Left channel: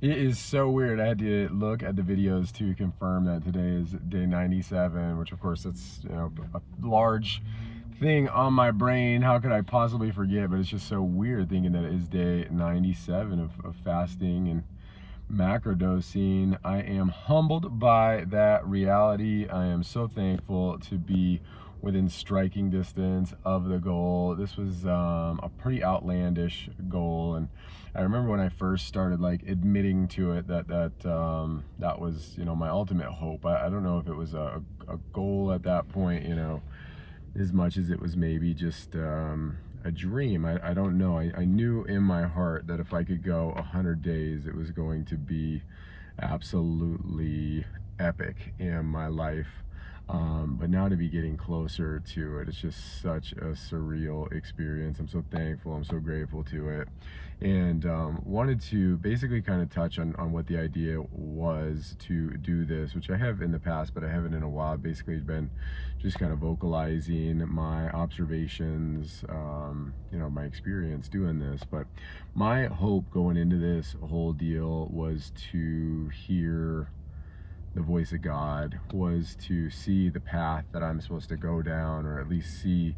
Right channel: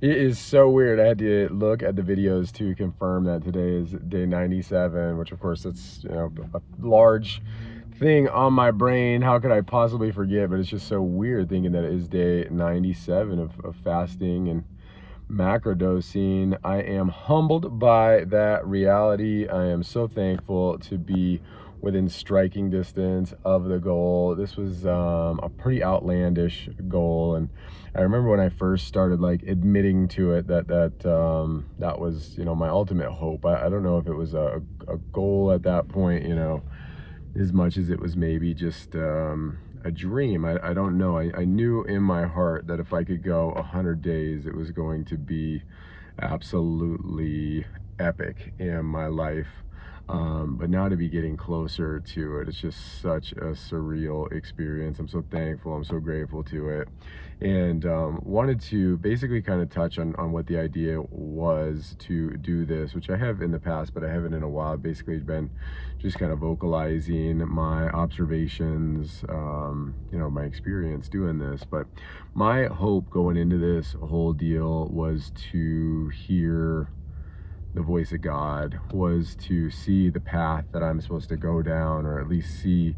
It is so weird. I had to look at the videos to confirm that today is day 97, which of course it's, a large thing on my brain. How could I possibly forget? But it's just so weird thinking that it is day 97 of fasting and macrodosing. I am humbled by that reality. I am so thankful to be within striking distance of the goal. This was a pretty outlandish goal, and I remember when I first started like admitting to it that was my ultimate hope. I don't know if it was a goal at that point, as much as it was maybe just a dream. I don't know. I knew in my heart that if I could go 100 days, it was going to be absolutely epic in my life. But now to be getting closer to it, it's just such a surreal experience. I'm so thankful. I'm so grateful to it. And wanted to basically kind of touch on what the idea was to do this, which I have in the past, but I haven't in a while. Basically been just kind of vocalizing my observations, my experience doing this. But my hope going into this whole deal was to hear the voice of God, was to see the path that I'm supposed to go down, or at least see,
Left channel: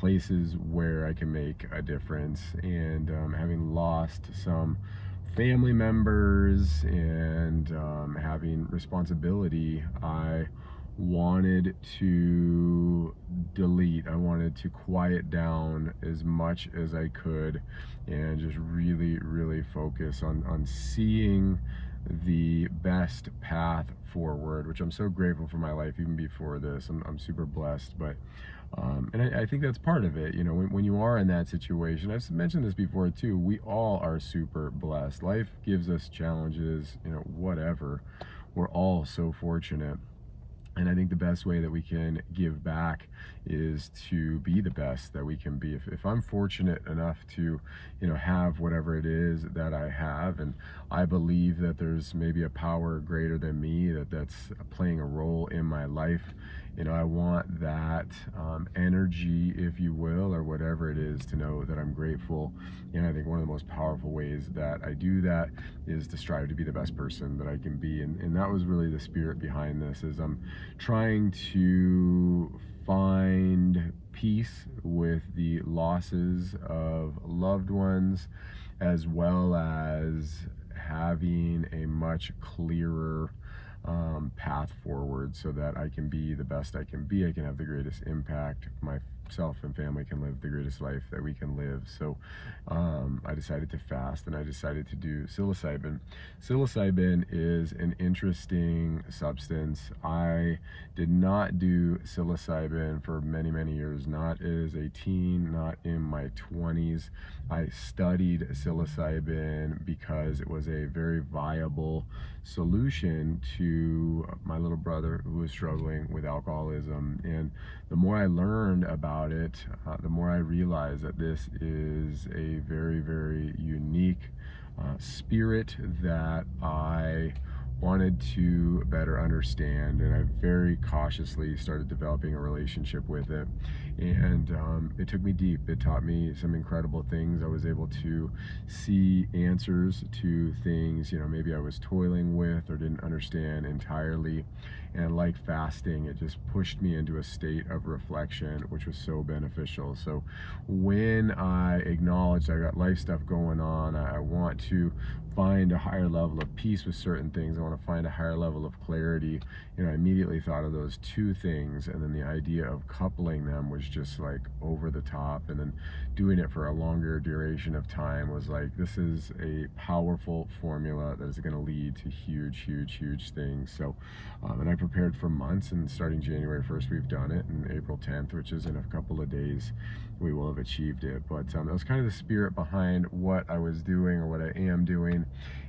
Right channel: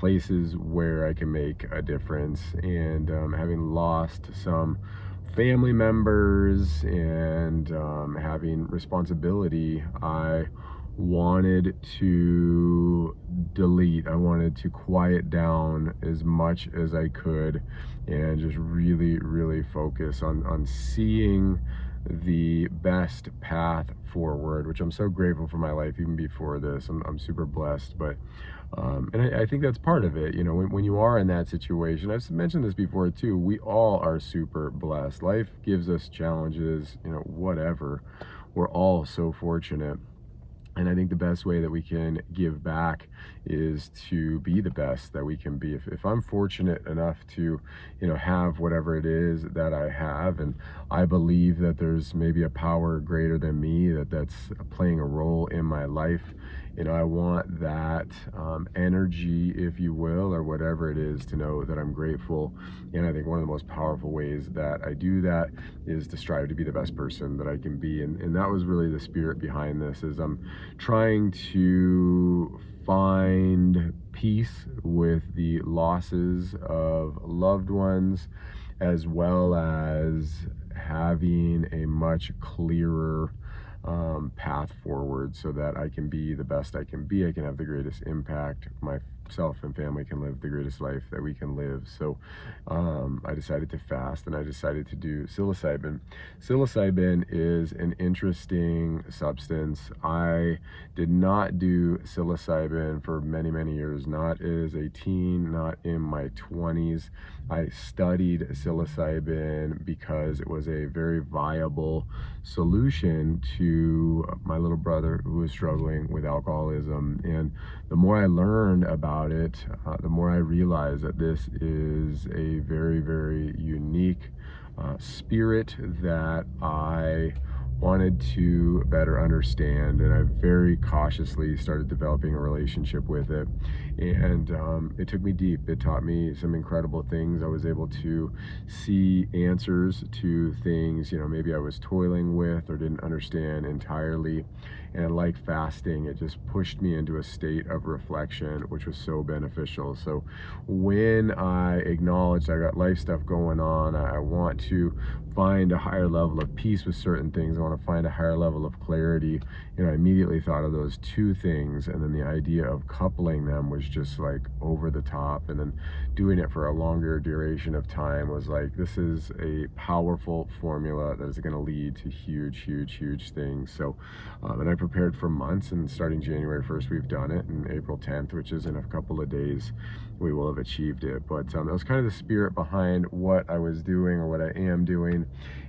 places where I can make a difference. And having lost some family members and having responsibility, I wanted to delete. I wanted to quiet down as much as I could and just really, really focus on seeing the best path forward, which I'm so grateful for my life. Even before this, I'm super blessed. But and I think that's part of it. When you are in that situation, I've mentioned this before too, we all are super blessed. Life gives us challenges, whatever. We're all so fortunate. And I think the best way that we can give back is to be the best that we can be. If I'm fortunate enough to, have whatever it is that I have, and I believe that there's maybe a power greater than me that's playing a role in my life, I want that energy, if you will, or whatever it is, to know that I'm grateful. And I think one of the most powerful ways that I do that is to strive to be the best person that I can be. And that was really the spirit behind this, is I'm trying to find peace with the losses of loved ones, as well as having a much clearer path forward, so that I can be the best I can be. I can have the greatest impact. Myself and family can live the greatest life that we can live. So I decided to fast, and I decided to do psilocybin. Psilocybin is an interesting substance. I did not do psilocybin for many, many years, not as a teen, not in my 20s. I studied psilocybin because it was a very viable solution to my little brother who was struggling with alcoholism. And the more I learned about it, the more I realized that this is a very, very unique spirit that I wanted to better understand, and I very cautiously started developing a relationship with it. And it took me deep. It taught me some incredible things. I was able to see answers to things, maybe I was toiling with or didn't understand entirely. And like fasting, it just pushed me into a state of reflection, which was so beneficial. So when I acknowledged I got life stuff going on, I want to find a higher level of peace with certain things, I want to find a higher level of clarity, I immediately thought of those two things. And then the idea of coupling them was just like over the top. And then doing it for a longer duration of time was like, this is a powerful formula that is going to lead to huge, huge, huge things. So and I prepared for months, and starting January 1st, we've done it, and April 10th, which is in a couple of days, we will have achieved it. But that was kind of the spirit behind what I was doing, or what I am doing.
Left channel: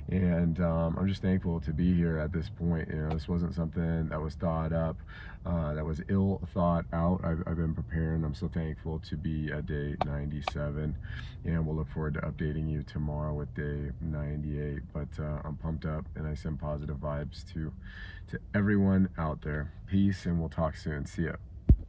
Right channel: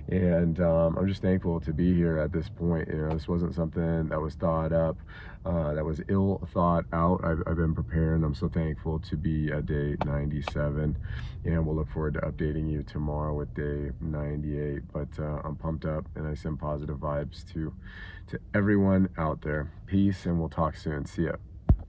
And I'm just thankful to be here at this point. This wasn't something that was thought up, that was ill thought out. I've been prepared, and I'm so thankful to be at day 97. And we'll look forward to updating you tomorrow with day 98. But I'm pumped up, and I send positive vibes to everyone out there. Peace, and we'll talk soon. See ya.